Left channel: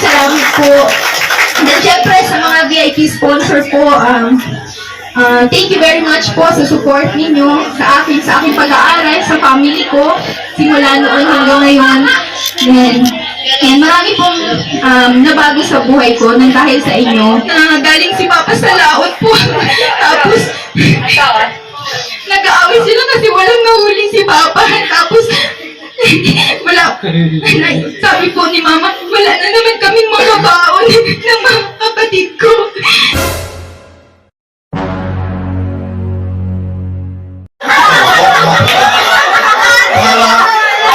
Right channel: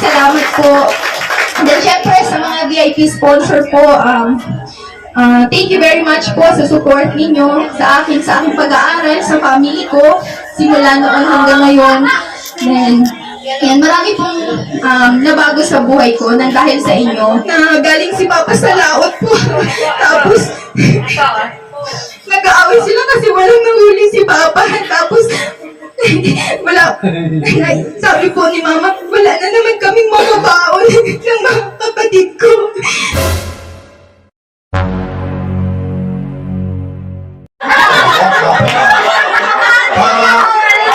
salamat po. Then, syempre, sa mga VIP sponsor po, thank you very much po sa support ninyo sa akin pag-aaral, sa family ko, simula noon hanggang ngayon. Then, and marami pong nabago sa buhay ko nang dahil sa inyo. Galing si Papa sa laot po. Tapos, nag-aaway sila kasi walang nahuli si Papa. Tapos, sabi po ni Mama, wala na naman kaming mga baon ng mga kapatid ko.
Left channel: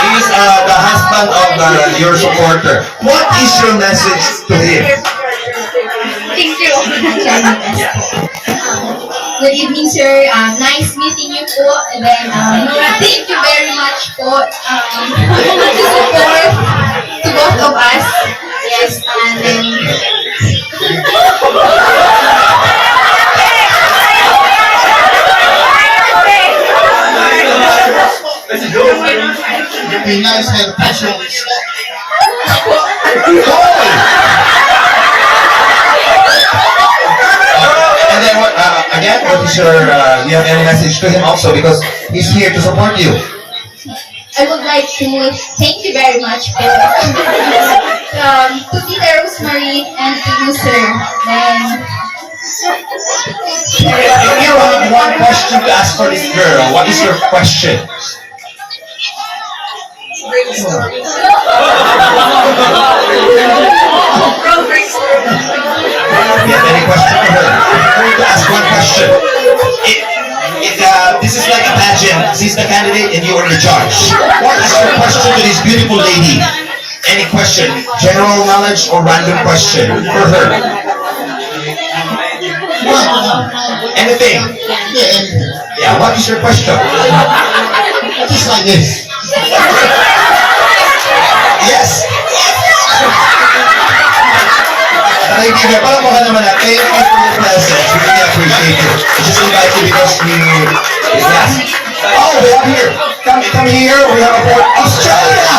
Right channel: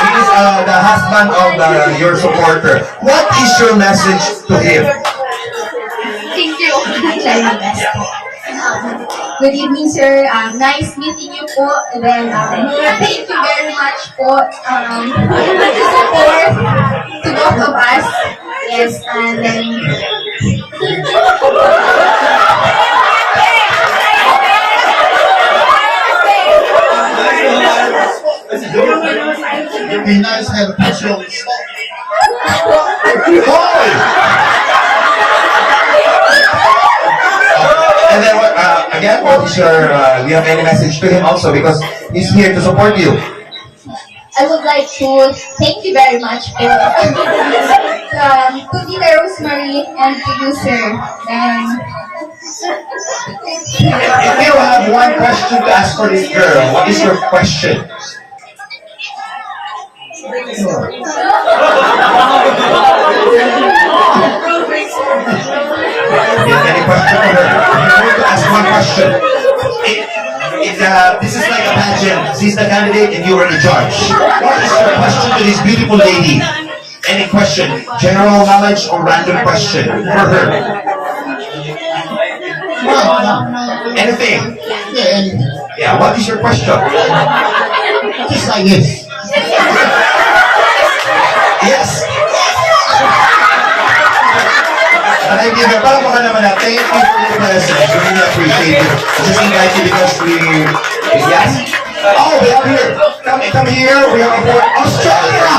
He's the husband of your supporter. What is your message to him? Thank you. Good evening, sir. Nice meeting you po. And then, thank you very much po to support to both of us. Yes, and then... Be nice, have visual. And then what? Again, what is your? Do you have any message to him also because he's here to support you? I would like to thank you very much po. To Tita Rosemary and to you, sir. And If you have one question to ask for this girl, what is your question? Do you have any question for her? I'm going to ask one question. This is like a pageant. She's the candidate and you are the judge. What is your question to this beautiful lady? Any question? General knowledge or random question for her? Anything? Yeah, and Yeah, what is your question? just like this. Yes. Kaibigan, palamakan naman natin. Thank you for your presence. We really appreciate it. I just invite you because is that? Oh, we have here. Come here. We have aboard Australia.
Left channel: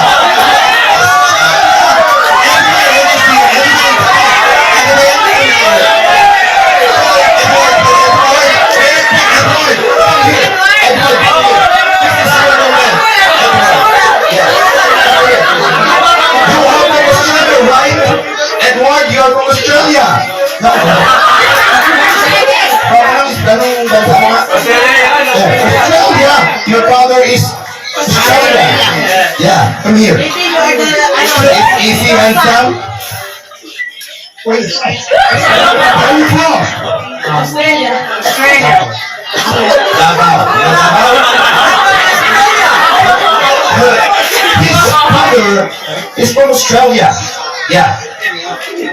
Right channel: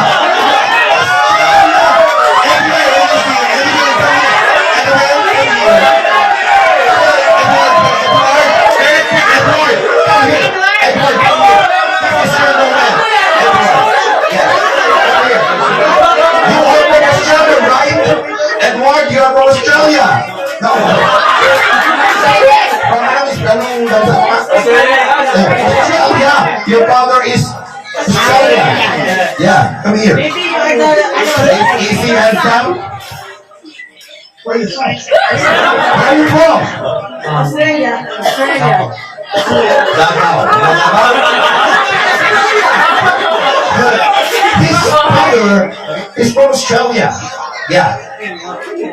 Edward, you're from Australia. No. Australia. Your father is Australian. Yeah, come here. Is he handsome? Where are you from? Australia. Davao. His father is from Australia. Yeah.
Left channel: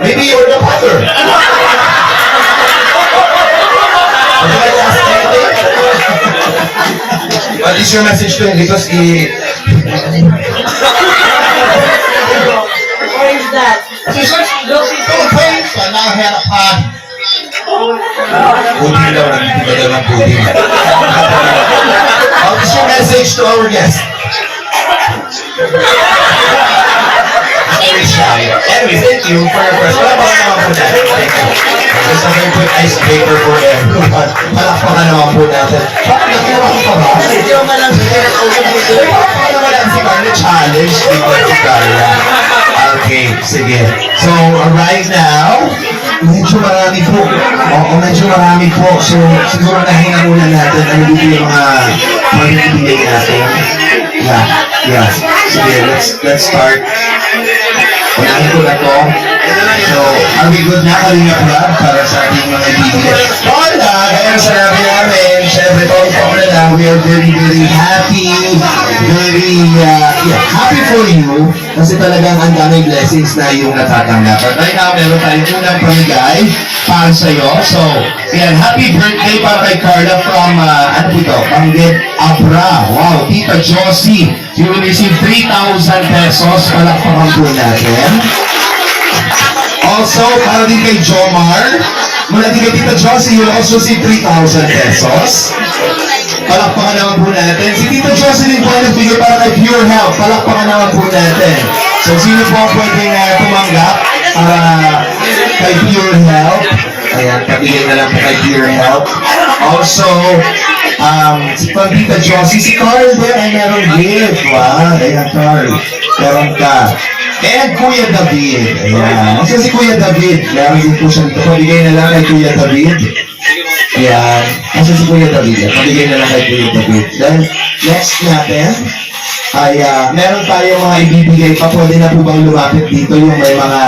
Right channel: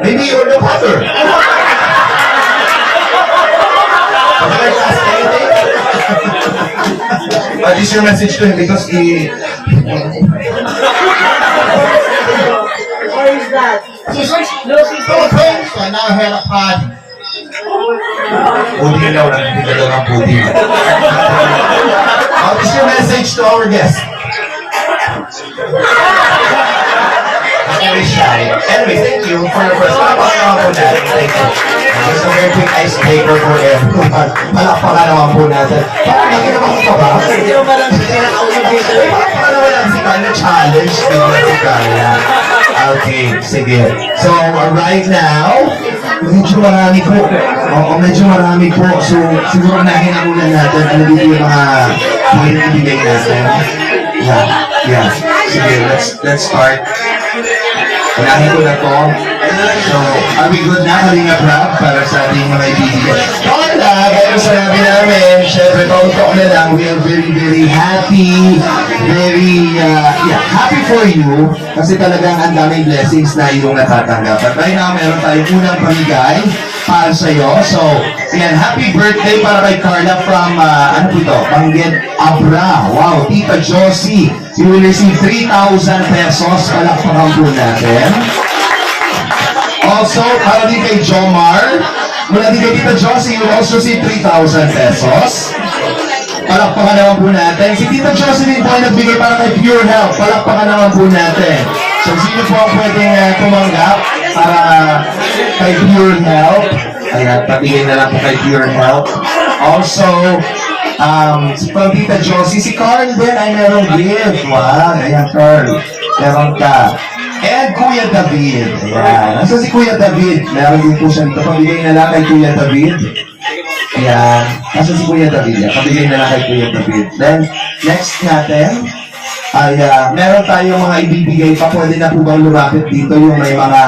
Maybe you're the father. Would you like to ask anything? What is your message to him? Because he... Or is that? Okay, so now I had a party. Putin daw, nagtitigil daw ng Putin. What is your message to our guest? Very shy. Anyway, thank you for your question. Palakpakan naman po natin. Thank you. Just a very quick icebreaker for everyone. Palakpakan naman po natin. Parang nakiramang ka ba? Hindi mo ba lang pinakausap dito? Palakpakan naman natin si Carla. Challenge. Tignan si Carla. Okay, sige. So, right now, medyo marami po. Oo, medyo marami po. So, siguro nahinga muna natin. Ano dito yung mga ibigay natin? Yeah. Sige, let's start. Unahin ko na to. So, are we good na, Kalinga Prab, para sa ating mga ibigay? Hola! Kaya sinabi namin, syempre, talk na lang, we are very, very happy. Very, happy for you. Kasi talagang ang daming blessings na iyong natatanggap. But right now, meron tayong unang pamigay para sa'yo. So, yan, happy birthday para kay Carla from, ano po ito? Banggit Abra. Wow, Tita Josie. You will receive 3,000 pesos. Palakpakan po natin. Also, para din kay Jomar. Mula din kay Tita Josie, you will also receive 3,000 pesos. Palakpakan naman po natin. Si Tita Josie din po ay nagbigay para kay Pure Health. Palakpakan naman po natin. So, sino po ang pwedeng tumanggap? para kay Pure Health. Ayan, pabigay na lang po kay Pure Health. Also, from Tita Josie, si Carl din ay merong gift. Wow, ayan Carl, meron ka. And Kuya David, ayan. Nasa si Kuya David, meron din po siya dito. Pabigay na lang kay Kuya David. Ayan, nasa si Kuya David, yan. Pabigay na lang kay Kuya David. Then, next natin, ay meron tayong mga ibibigay pa. Pwede na po bang lumapit dito yung may mga,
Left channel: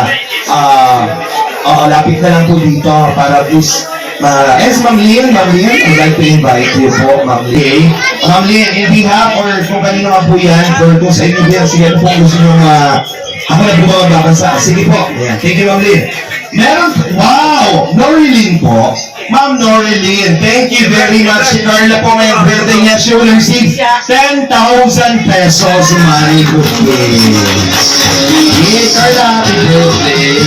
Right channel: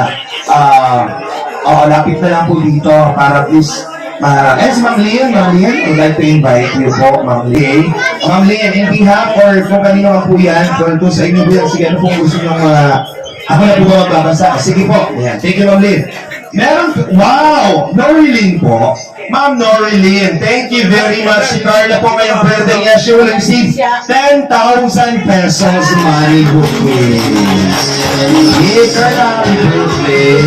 lapit na lang po dito para please, si Ma'am Lynn, I'd like to invite you po, Ma'am Lynn. Ma'am Lynn, in behalf or kung kanino man po yan, kung sa inyo yan, sige ano po gusto nyo, ako na po ba magbabasa? Sige po, ayan. Thank you, Ma'am Lynn. Meron, wow, Norilyn po. Ma'am Norilyn, thank you very much. Si Carla po ngayong birthday niya, she will receive 10,000 pesos money bookings. Hey, Carla, happy birthday.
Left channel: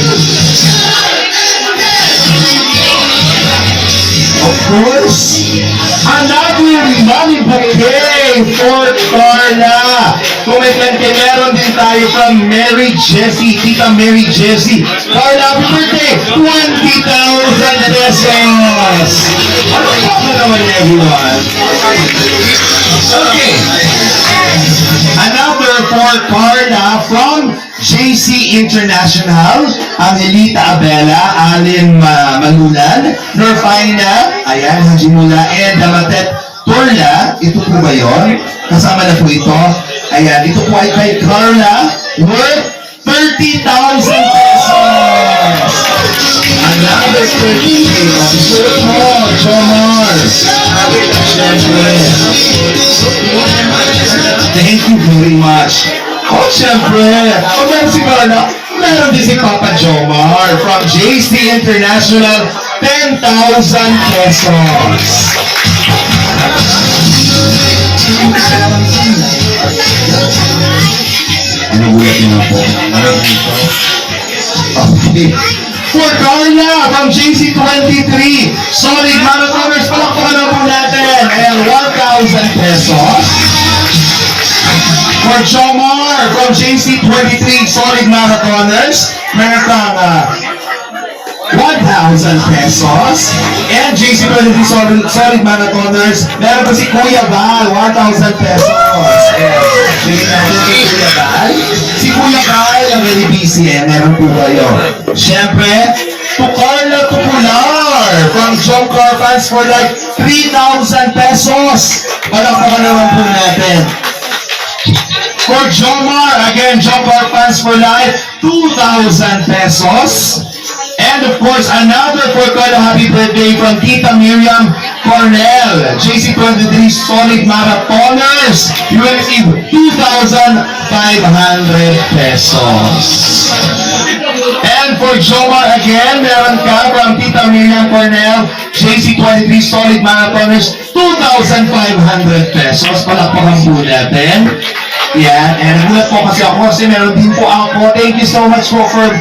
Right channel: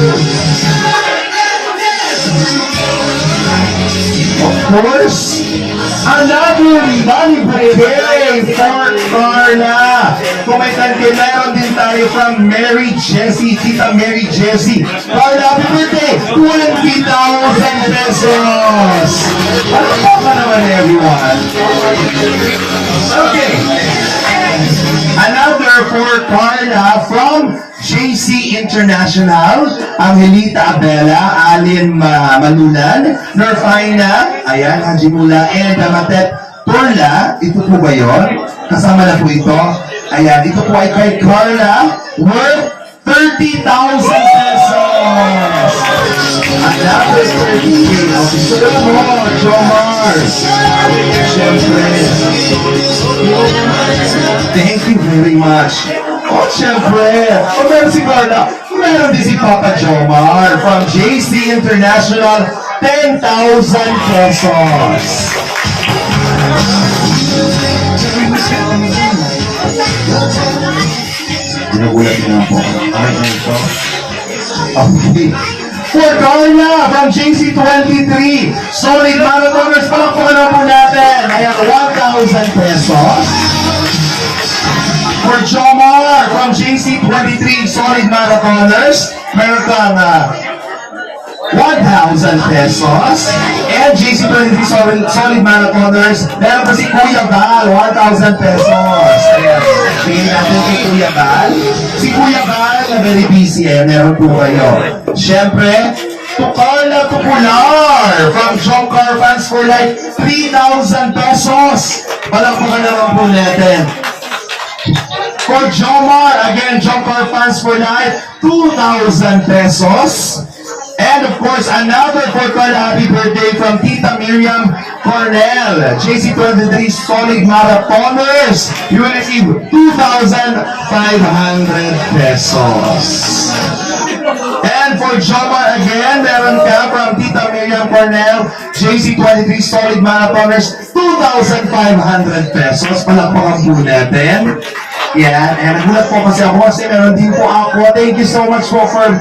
Of course, another money bouquet for Carla. Kung may kante, meron din tayo from Mary Jessie, Tita Mary Jessie. Carla, happy birthday! 20,000 pesos! Ano po ka naman, everyone? Okay. Another for Carla from JC International, Angelita Abela, Alin Malulan, Norfina, ayan, Hajimula, and Damatet Torla. Ito po ba yun? Kasama na po ito. Ayan, ito po ay kay Carla, worth 30,000 pesos. Another 30,000. Officer po, Jomar. Siyempre. Thank you very much. Oh, siyempre. O meron si Carla, meron din si Papa Jomar from JC International, 10,000 pesos. Ginugulat niyo na po. Okay. For Carla from JC23, solid marathoners, palakpakan na po natin. Ayan, 1,000 pesos. For Jomar from JC23 Solid Marathoners, meron kang 1,000 pesos. And JC23 Solid Marathoners, meron pa si Kuya Val, 1,000 pesos. Ayan, tingin natin kay Kuya Val. Si Kuya Val, very busy eh, meron po kayo. Siyempre, to Carla Tupular from John Car Fans for like 3,000 pesos. Palakpakan naman po natin. For Jomar, again, Jomar Fans for Life, 2,000 pesos. And of course, another for Carla happy birthday from Tita Miriam Cornell, JC23 Solid Marathoners. You will receive 2,500 pesos. And for Jomar again, meron ka from Tita Miriam Cornell, JC23 Solid Marathoners, 2,500 pesos. Palakpakan po natin. Yan, and nagulat po kasi ako kasi meron din po ako. Thank you so much po from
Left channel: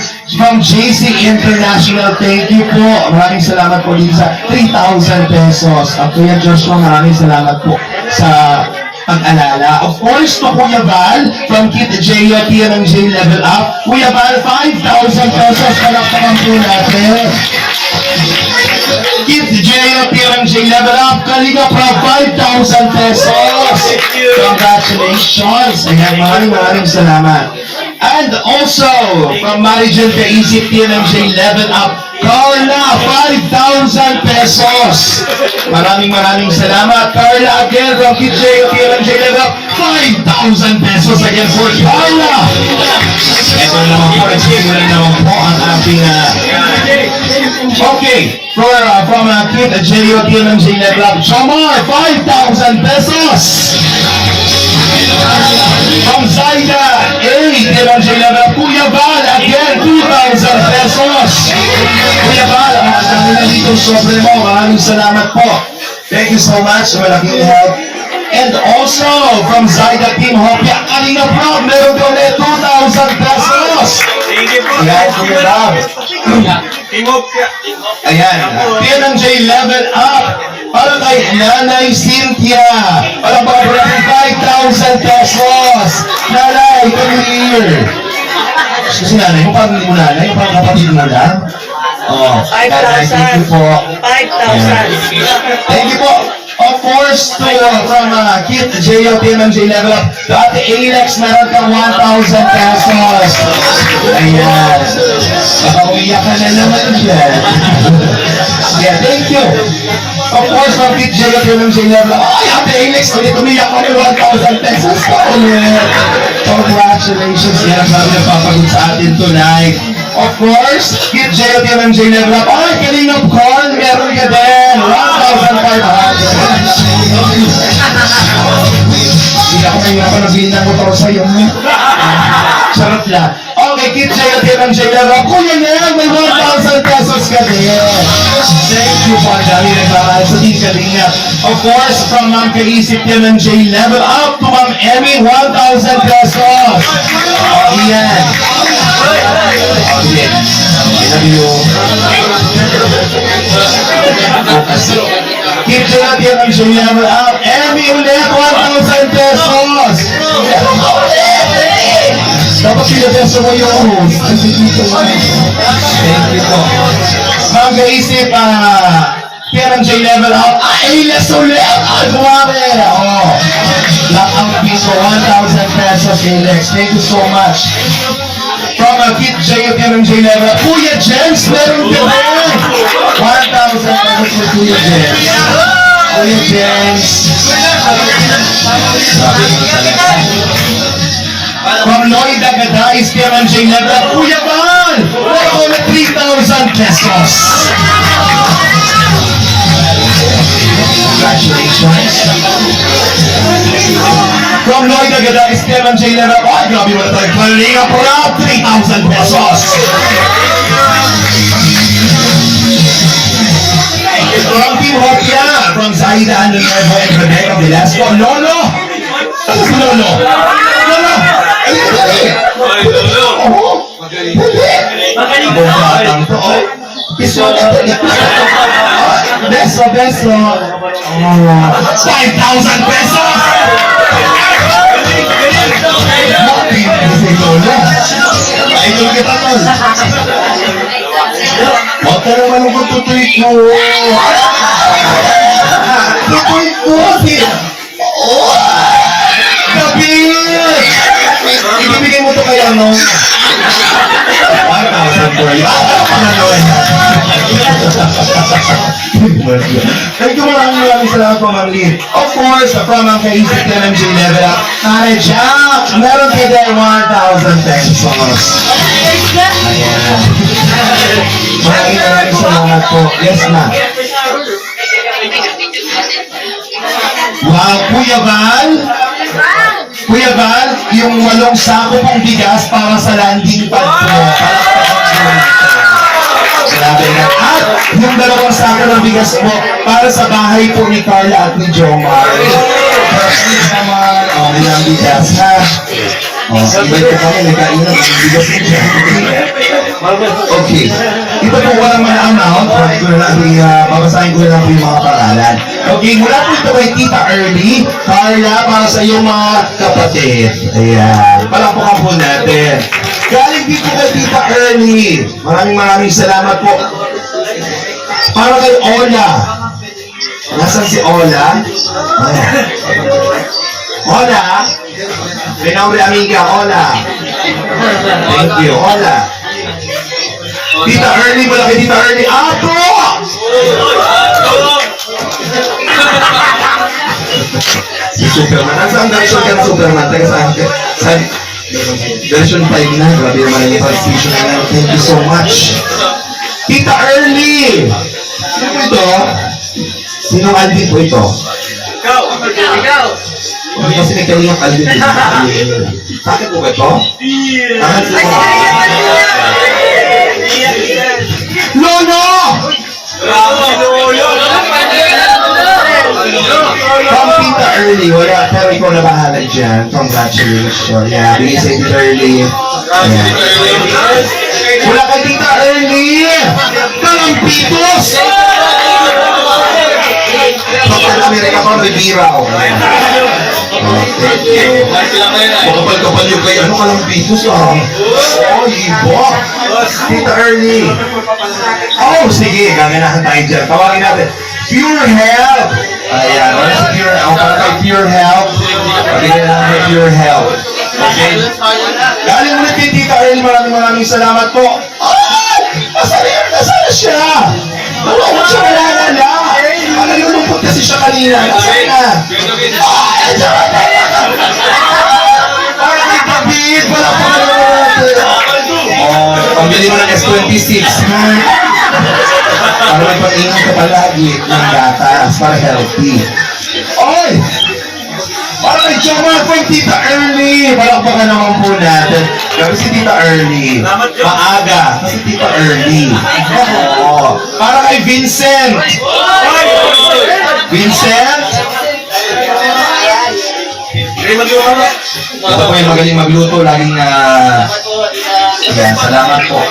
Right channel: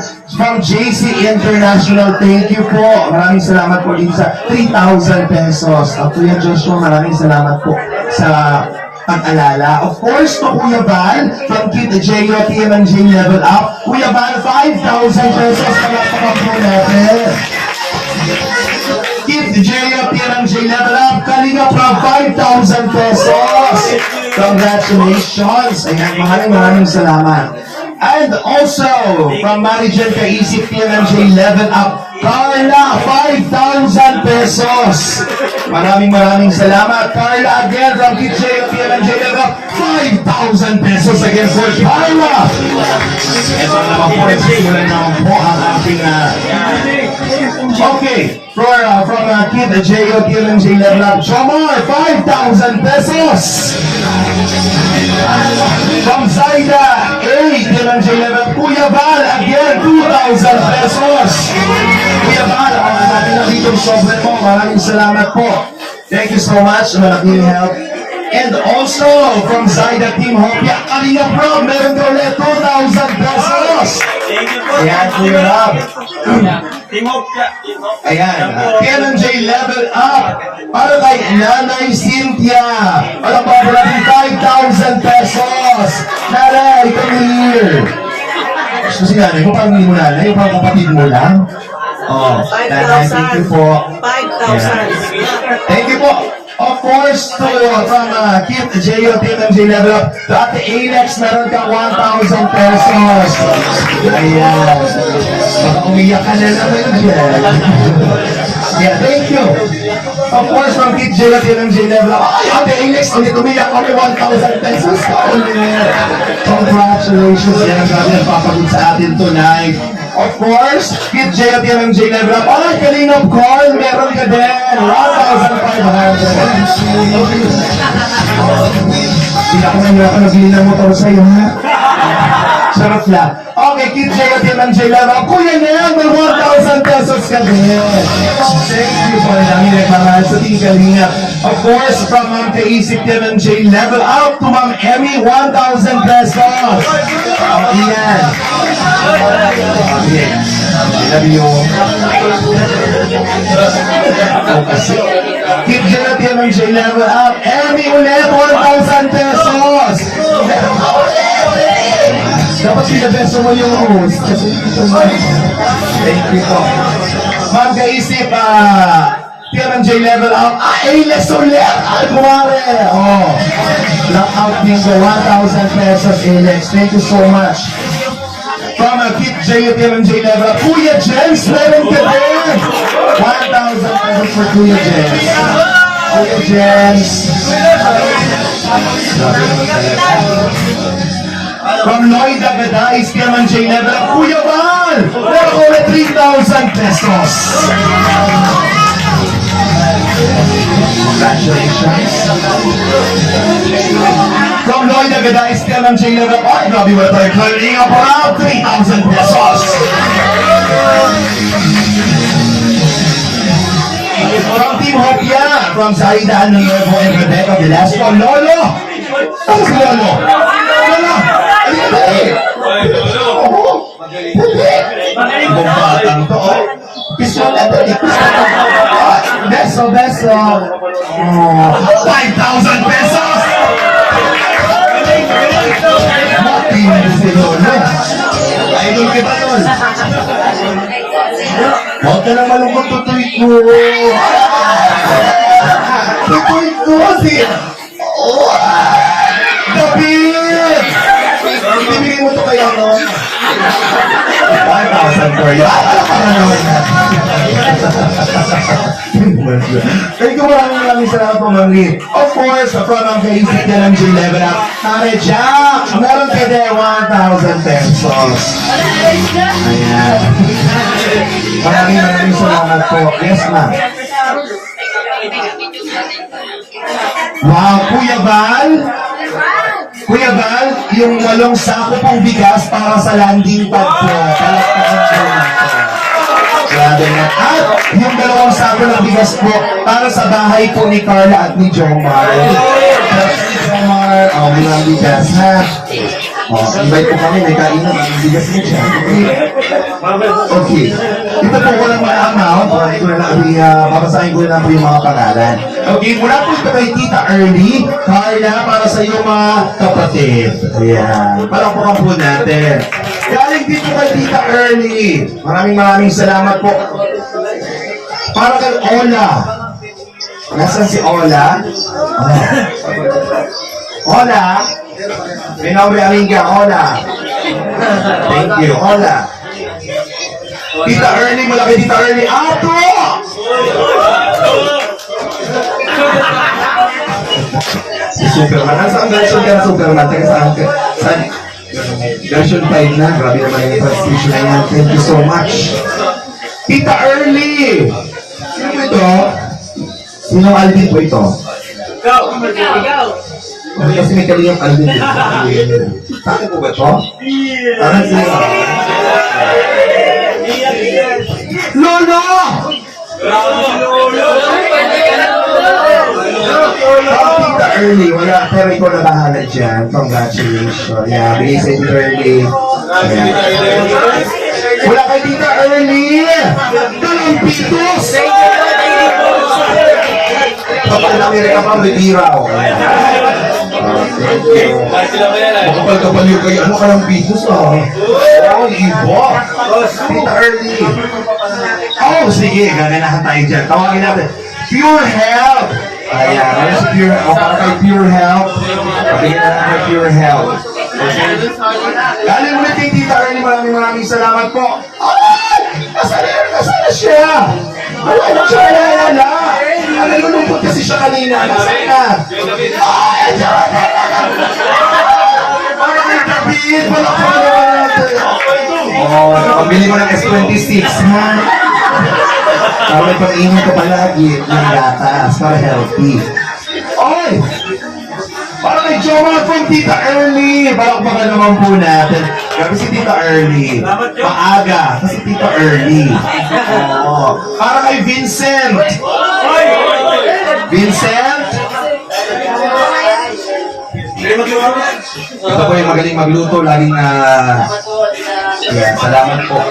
JC International. Thank you po. Maraming salamat po din sa 3,000 pesos. At Kuya Joshua, maraming salamat po sa pag-alala. Of course, to Kuya Val from Kit J ng J Level Up. Kuya Val, 5,000 pesos. Palakpakan po natin. Kit J ng J Level Up. Kalinga from 5,000 pesos. Congratulations. Ayan, maraming salamat. And also, from Marijan Kaisip, TNMJ Level Up, Carla, 5,000 pesos. Maraming salamat. Carla again from KJ, TNMJ Level Up, 5,000 pesos again for Carla. Ito na naman po, wala naman po ang ating, okay, from Kid J.O. TNMJ Level Up, Jomar, 5,000 pesos. From Zaida, TNMJ Level Up, Kuya Val, again, 2,000 pesos. Kuya Val, ang dami na dito sobre mo. Maraming salamat po. Thank you so much. Malaking help. And also, from Zaida Team Hopia, kanina Proud, meron ka ulit 2,000 pesos. Thank you po. Ayan, Kuya Rob. Team Hopia. Ayan, TNMJ Level Up. Para kay Nanay Cynthia. Alam ba, 5,000 pesos. Nanay, come here. Kasi nanay mo, parang hindi mo nanay, yung parang kapatid mo lang. Oh, nanay, thank you po. 5,000. Thank you po. Of course, to from Kit J.O. Team MJ Level Up, to Ate Alex, meron kang 1,000 pesos. Ayan. Baka umiyak ka na naman dyan. Yeah, thank you. Of course, from Kit J.O. Team MJ Level Up, ay, Ate Alex, ulit umiyak ka na 1,000 pesos ka ulit. Congratulations. Yan ang sabi nagpapagod sa atin tonight. Of course, Kid J at yung MJ Level Up. Ay, kanina call, meron ka din. 1,500. Hindi ako ngayon ako nagbili ng motor sa'yo. Charot lang. Okay, Kid J at yung MJ Level Up. Kuya Nel, may 1,000 pesos ka din. Thank you po. Ang dami nagmamahal sa Team Kalingap. Of course, from Ma'am Kaisip yung MJ Level Up to Ma'am Emmy, 1,000 pesos. Oh, yan. Okay. I love you. Focus. Keep Jonathan ang siya level up. Emmy ulit, 1,000 pesos. Meron ka ulit. Dapat pinabeso mo yung host. Kasi dito mo. Thank you po. Ma'am kaisip, Kieran J level up. A-less ulit. Ay, kumare. Oh. Blackout bingo, 1,000 pesos, A-lex. Thank you so much. From Kit J at MJ Level, Kuya James, meron ka rin! 1,000 pesos for Kuya James. Kuya James. Sabi mo talaga. From Lloyd Agadais, MJ Level, Kuya Val! Meron ko na 3,000 pesos. Congratulations. From Lloyd Agadais, MJ Level, ay, grabe mo na tayo. Kalinga Prab, 3,000 pesos. From Team Hopia, from Zaida Nuevo and Rebecca Velasco, Lolo! Ano si Lolo? Lolo! Ano ka dali? Ay, lolo. Oo. Magaling. Ibang batang to, oh. Piso na dali. Beso, beso. Oh, 5,000 pesos! Hindi si Lolo. Idol kita, Lol. Huwag ka naman ang tutuloy ko. Tutuloy ko si... Oh! David! Ibibigay mo to kay ano? 1,000 for you. Para naman yan. Thank you, maraming salamat po, Ma'am Lynn. Of course, from ang kaisip yan ng J-Level Up, Nare Jack, meron kayo there 1,000 pesos. Ayan. Maraming salamat po. Yes, ma'am. Wow, Kuya Val. Kuya Val, yung 8 sako pang bigas para sa landing pad po. Palakpakan po natin. Grabe na. At yung 2 sako ng bigas po para sa bahay po ni Carla at ni Jomar. Para ni Jomar, may ang bigas ha. Invite ko kami, may kainan, may bigas mo dyan. Okay. Ito po walang mga amount. Ko na lang, babasahin ko na lang po yung mga pangalan. Okay, mula po ito kay Tita Early, Carla, para sa iyong mga kapatid. Ayan. Palakpakan po natin. Galing dito kay Tita Early. Maraming salamat po. Para kay Ola. Nasaan si Ola? Ola? Pinauri amiga, Ola. Thank you, Ola. Tita Early, malaki Tita Early. Ato! Si Superman. Nasaan version ka ng Superman? Taga saan ka? Saan? Version 5 na. Grabe naman ang translation na yan. Thank you so much. Tita Early! Sino po ito? Sinong Alvin po ito? Ikaw. Kasi may kaliyang Alvin dito. Sa akin po ba ito? Akin sila. Lolo! From Tita Early, wala, pero ikaw na bahala dyan. Congratulations. Yeah, bigay sa Tita Early. Yeah. Wala kay Tita Early! Kalampitos! Pagka Amerika pa, bibiraw. Thank you. Makapal-kapal yung kay ano kalampitos ah. Oh, Ibo. Tita Early. Oh, sige, gaganahan tayo dyan. Tawagin natin. Pure Health. Ayan, ano si Pure, para kay Pure Health. Pabigyan na natin kay Pure Health. Okay? Galing ulit kay Tita Early, maraming salamat po. Ay! Nasaan siya? Wala ko siya kalala. Nalulungkot kasi siya kanina. Nasaan na? Ay! Para kay David, wala pa naman natin. Oh, pambili mo ng S26. Para may pag-inom ka palagi ng gatas para healthy. Oy! Para kay Jomar from Tita Early. Palakpakan naman po natin. Grabe si Tita Early. Maaga. Kasi Tita Early. Oo. Para kay Vincent. Vincent? Ito po yung magaling magluto. Laging na... Ayan, salamat po.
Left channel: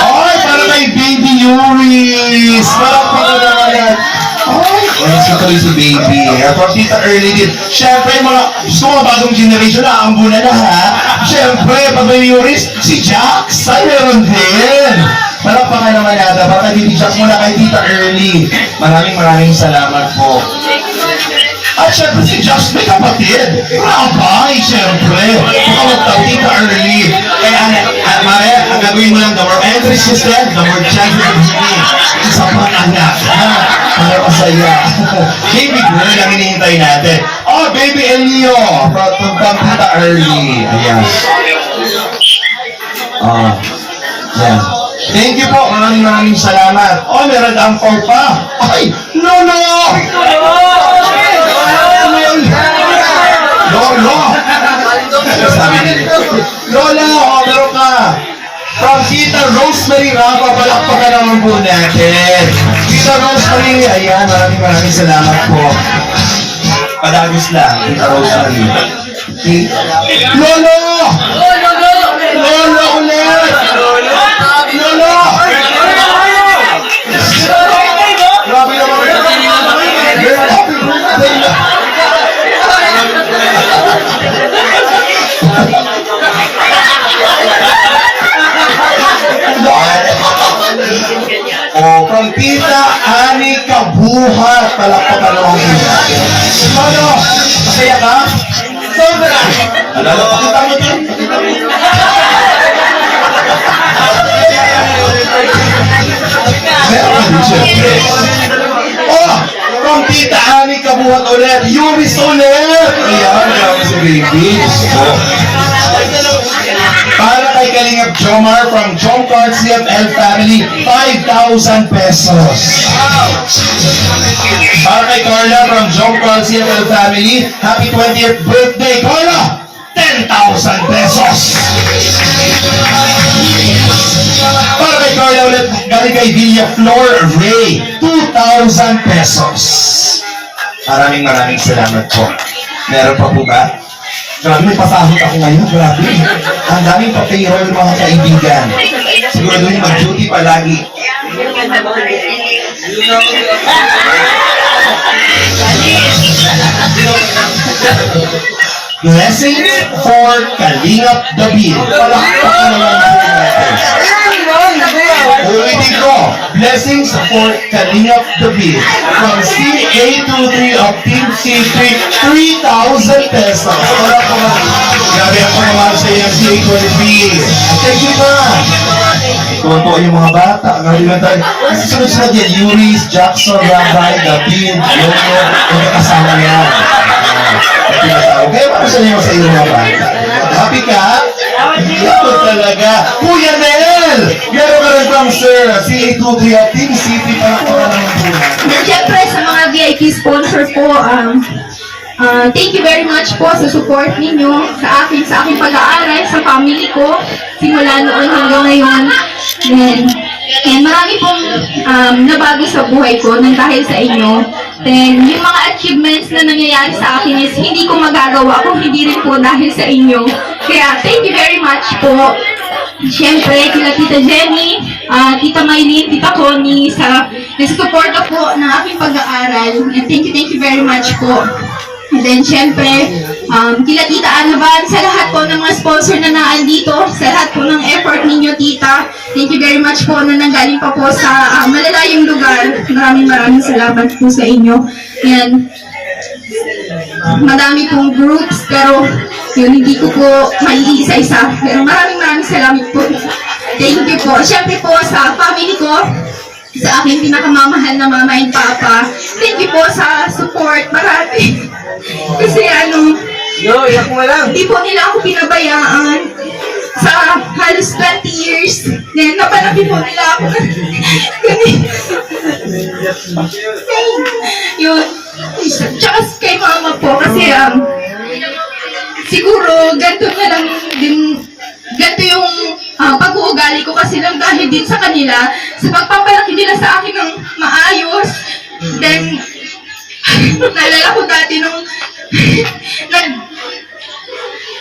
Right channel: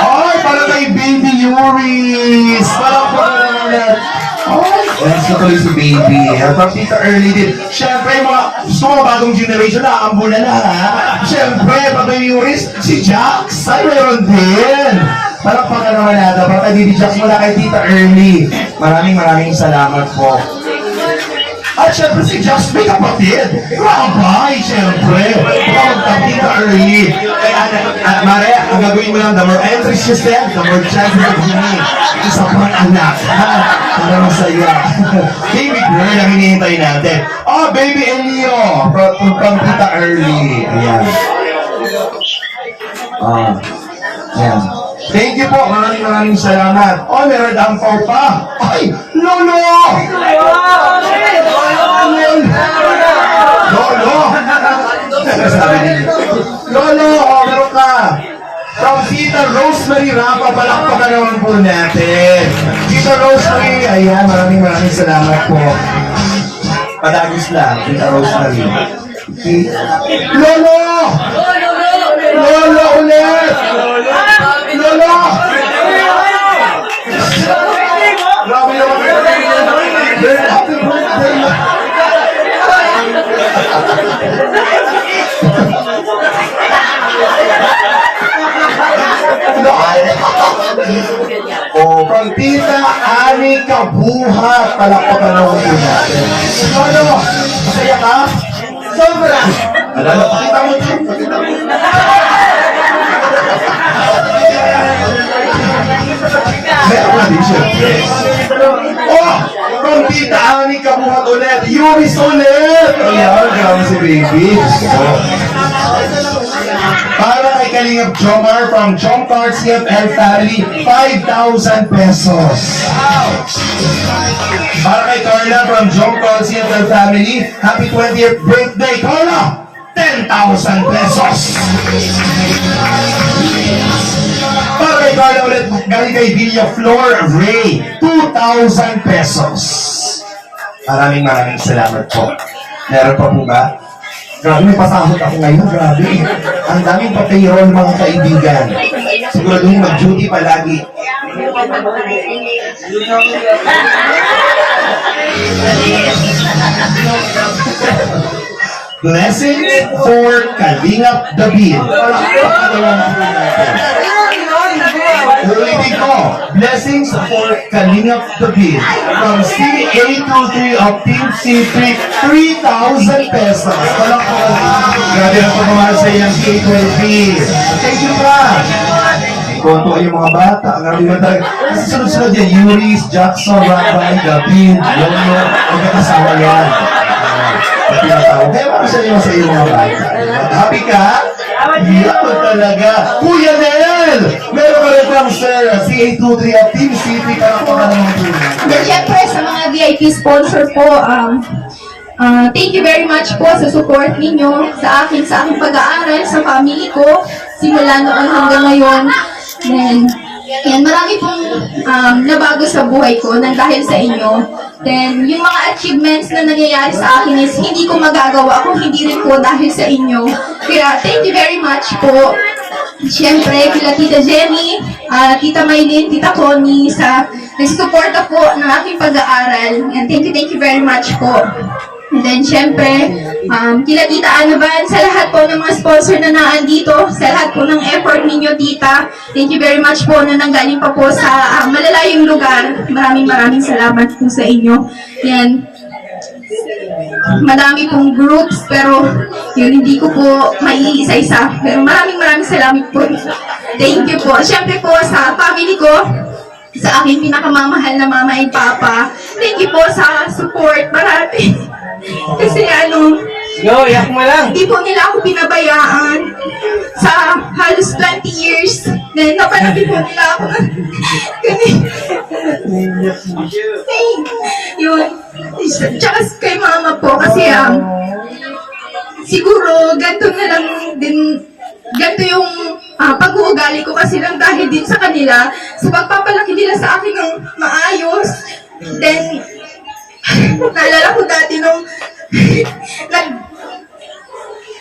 Ay, para kay Baby Yuris. Palakpakan naman natin. Yes, natuloy si Baby. From Tita Early din. Siyempre, gusto mga bagong generation na aambunan na ha. Siyempre, pag may Yuris, si Jax ay meron din. Palakpakan naman natin. Para kay Baby Jax mula kay Tita Early. Maraming salamat po. At syempre si Josh may kapatid. Rabay, syempre. Baka magtang Tita Early. Kaya, Mare, ang gagawin mo lang, the more entries you send, the more chances of winning. Isa pang anak, ha? Para masaya. Baby girl, ang hinihintay natin. Oh, Baby Elio, from Tita Early. Ayan. Oh, ayan. Thank you po, maraming salamat. Oh, meron ang pa. Ay, Lolo! Lolo! Sabi nila. Lolo, meron ka. From Tita Rosemary Rapa, palakpakan naman po natin. Tita Rosemary, ayan, maraming salamat po. Padagos lang, Tita Rosemary. Lolo! Lolo ulit! Lolo! Grabe naman. Happy birthday na. Oh, from Tita Ani Kabuhat. Palakpakan naman po natin. Ano? Masaya ka? Sobra! Ano? Pakita mo din. Meron ka din syempre. Oh! From Tita Ani Kabuhat ulit. Yuris ulit! Ayan, grabe si Baby. Oh. Para kay Kalingap Jomar from Jom Card CFL Family, 5,000 pesos. Para kay Carla from Jom Card CFL Family, happy 20th birthday, Carla! 10,000 pesos. Para kay Carla ulit, galing kay Villa Flor Ray, 2,000 pesos. Maraming salamat po. Meron pa po ba? Grabe, may pasahod ako ngayon. Grabe. Ang daming pa-payroll, mga kaibigan. Siguraduhin mag-duty palagi. Blessing for Kalingap David. Palakpakan naman po natin. Ulitin ko. Blessings for Kalingap David. From CA23 of Team C3, 3,000 pesos. Palakpakan. Grabe ang pagmamahal sa iyo ng CA23. Thank you pa. Konto yung mga bata. Grabe lang tayo. Kasi sunod-sunod yan. Yuris, Jackson, Rabay, David, Yoyo. Magkakasama yan. Tinatawag. Kaya makasalima sa iyo mga bata. Happy ka? Ito talaga. Kuya Nel! Meron ka rin pang sir. CA23 at Team City. Palakpakan naman po natin. Then, syempre, sa mga VIP sponsor po, thank you very much po sa support ninyo sa aking pag-aaral, sa family ko, simula noon hanggang ngayon. Then, and marami pong nabago sa buhay ko nang dahil sa inyo. Then, yung mga achievements na nangyayari sa akin is hindi ko magagawa kung hindi rin po dahil sa inyo. Kaya, thank you very much po. Siyempre, kila Tita Jenny, Tita Maylin, Tita Connie, sa nagsusuporta po ng aking pag-aaral. And thank you very much po. And then, siyempre, kila Tita Anaban, sa lahat po ng mga sponsor na naandito, sa lahat po ng effort ninyo, Tita. Thank you very much po na nanggaling pa po sa malalayong lugar. Maraming salamat po sa inyo. Yan. Madami pong groups, pero yun, hindi ko po maiisa-isa. Pero maraming salamat po. Thank you po. Siyempre po sa family ko, sa aking pinakamamahal na mama and papa, thank you po sa support marami. Kasi Yo, yak mo lang. hindi po nila ako pinabayaan sa halos 20 years. Then, napalaki po nila ako. Yun. Tsaka kay mama po kasi siguro ganito na lang din, ganito yung pag-uugali ko kasi lang dahil din sa kanila, sa pagpapalaki nila sa akin ng maayos. Then, naalala ko dati nung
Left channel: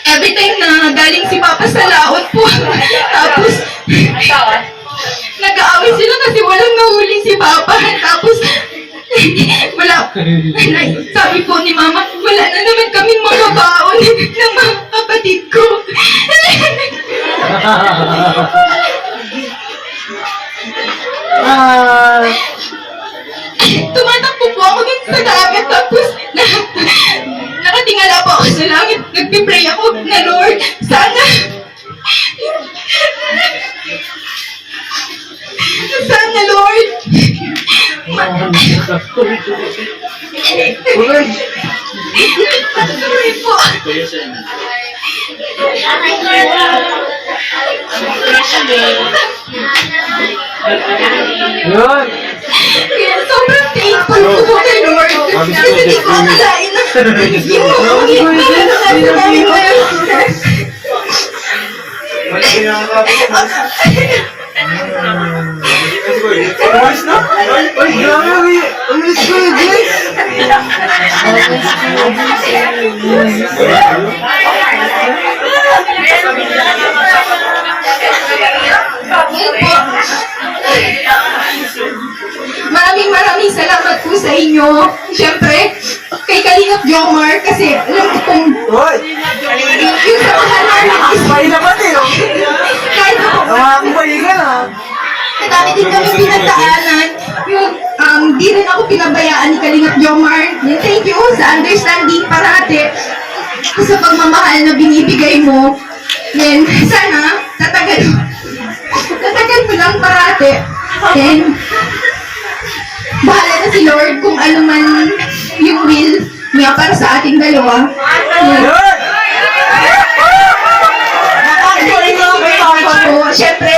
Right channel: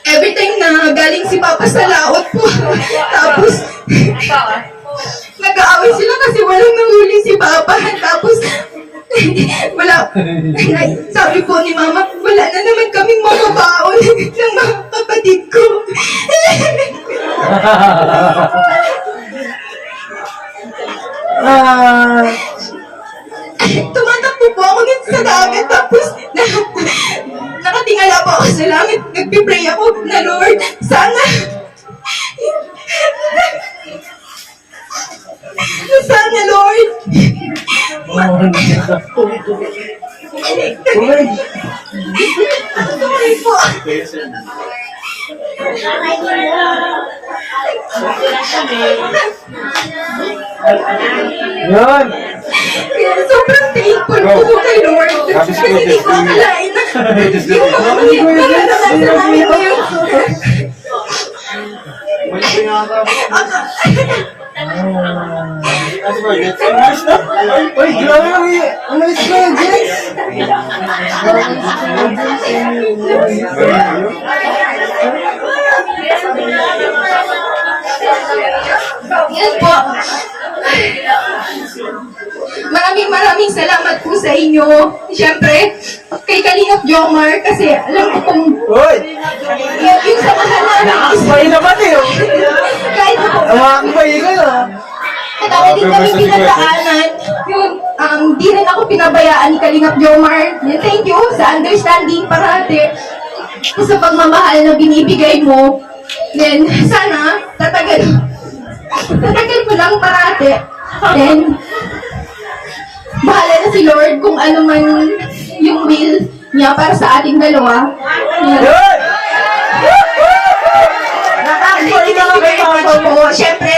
every time na galing si Papa sa laot po, tapos nag-aaway sila kasi walang nahuli si Papa, tapos sabi po ni Mama, wala na naman kaming mababaon ng mga kapatid ko. Tumatakbo po ako dun sa dagat, tapos nakatingala po ako sa langit, nagpipray ako na Lord, sana Lord, sorry po. Yun. Kaya sobrang thankful po kay Lord. Kasi hindi ko akalain na yung mga ko yun. Umalis na? Uy, grabe. Umalis ko, Jens. Yan po. Maraming salamat po sa inyo. Siyempre, kay Kalingap Jomar, kasi alam ko kung Uy, yung samahan namin is akbay naman eh. kahit na po, Akbay ka na. madami din kami pinagdaanan. Yung, di rin ako pinabayaan ni Kalingap Jomar. Yan, thank you sa understanding parati. Sa pagmamahal na binibigay mo. Yan, sana tatagal mo lang parati. Then, bahala na si Lord kung ano man yung will niya para sa ating dalawa. Yan. Yun. Nakakboy na lang kay Papa. Po, syempre,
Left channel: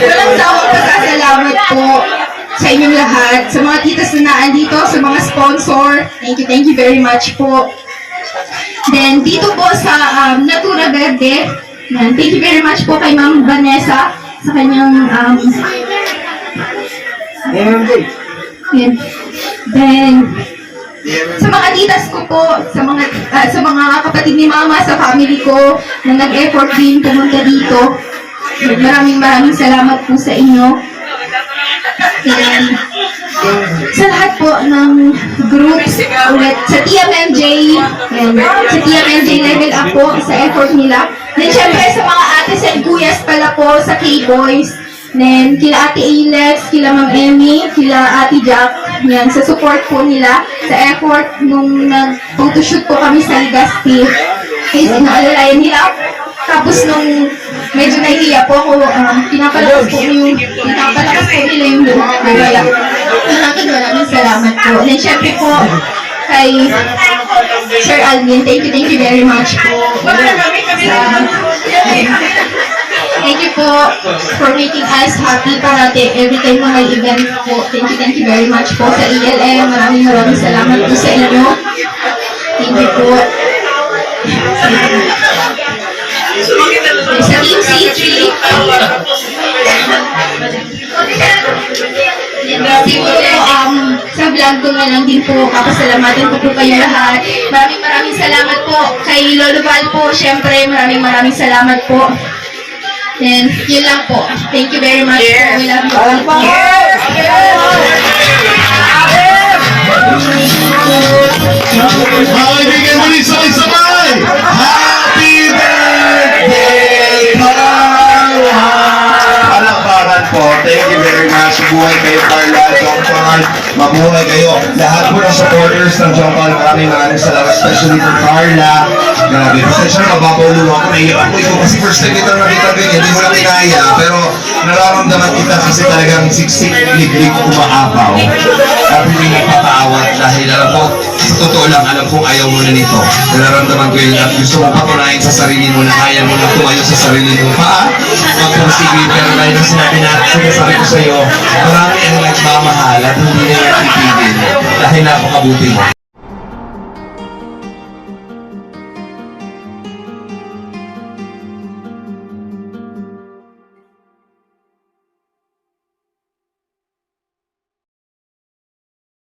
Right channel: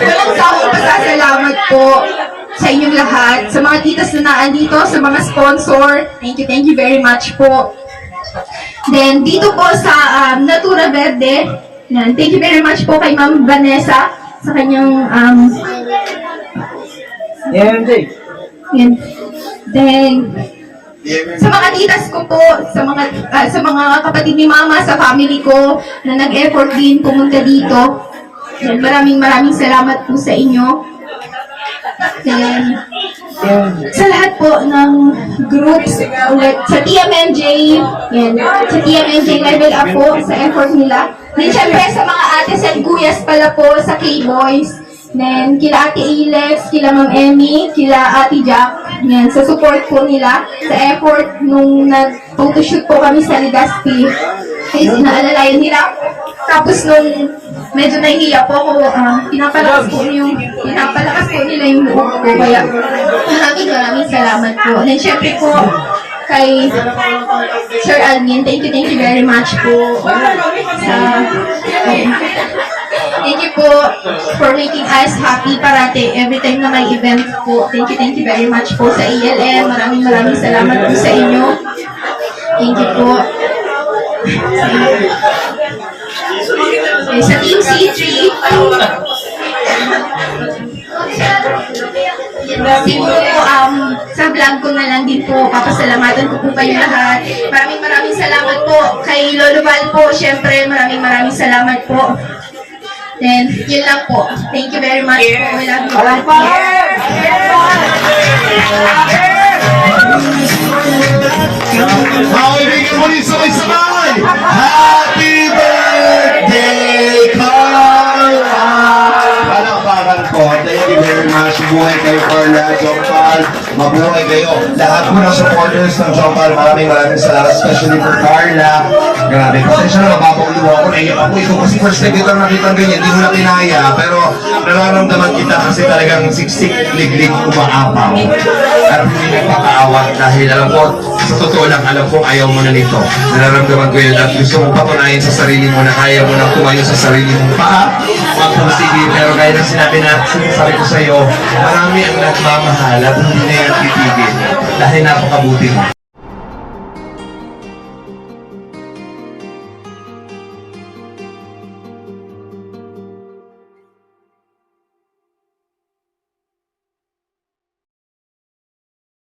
walang sawang pasasalamat po sa inyong lahat, sa mga titas na naandito, sa mga sponsor. Thank you very much po. Then, dito po sa Natura Verde, yan, thank you very much po kay Ma'am Vanessa sa kanyang MMJ. yan. Then, sa mga titas ko po, sa mga kapatid ni Mama, sa family ko, na nag-effort din pumunta dito. Maraming salamat po sa inyo. Then, sa lahat po ng groups, ulit, sa TMMJ, yan, sa TMMJ Level Up po, sa effort nila. Then, syempre, sa mga ates and kuyas pala po, sa K-Boys. Then, kila Ate Alex, kila Ma'am Emmy, kila Ate Jack, yan, sa support po nila, sa effort nung nag-photoshoot po kami sa Legazpi. Kasi inaalalayan nila. Tapos nung medyo nahihiya po ako, pinapalakas po nila yung buhok ko. Kaya maraming salamat po. And then syempre po, kay Sir Alvin, thank you very much po. Thank you po for making us happy parati every time na may event po. Thank you very much po sa ELM. Maraming salamat po sa inyo. Thank you po. Sa Team C3, siguro po, sa vlog ko na lang din po, papasalamatan ko po kayo lahat. Maraming salamat po kay Lolo Val po, syempre, maraming salamat po. Then, yun lang po. Thank you very much po. We love you all. Mga kaibigan muli, sabay-sabay! Happy birthday, Carla! Palakpakan po. Thank you very much. Mabuhay kayo, Carla, John Paul. Mabuhay kayo. Lahat po ng supporters ng John Paul, maraming salamat, especially for Carla. Grabe, pasensya na, mababauluwa ako. Naiyak ako. Ikaw kasi first time kita nakita ganyan, hindi mo na kinaya. Pero nararamdaman kita kasi talagang siksik, liglig, umaapaw. At hindi nagpapaawa dahil alam ko, sa totoo lang, alam kong ayaw mo na nito. Nararamdaman ko yun at gusto mo patunayan sa sarili mo na kaya mo na tumayo sa sarili mong paa. Magpusigil, pero gaya ng sinasabi ko sa iyo, marami ang nagmamahal at hindi na yan titigil dahil napakabuti mo.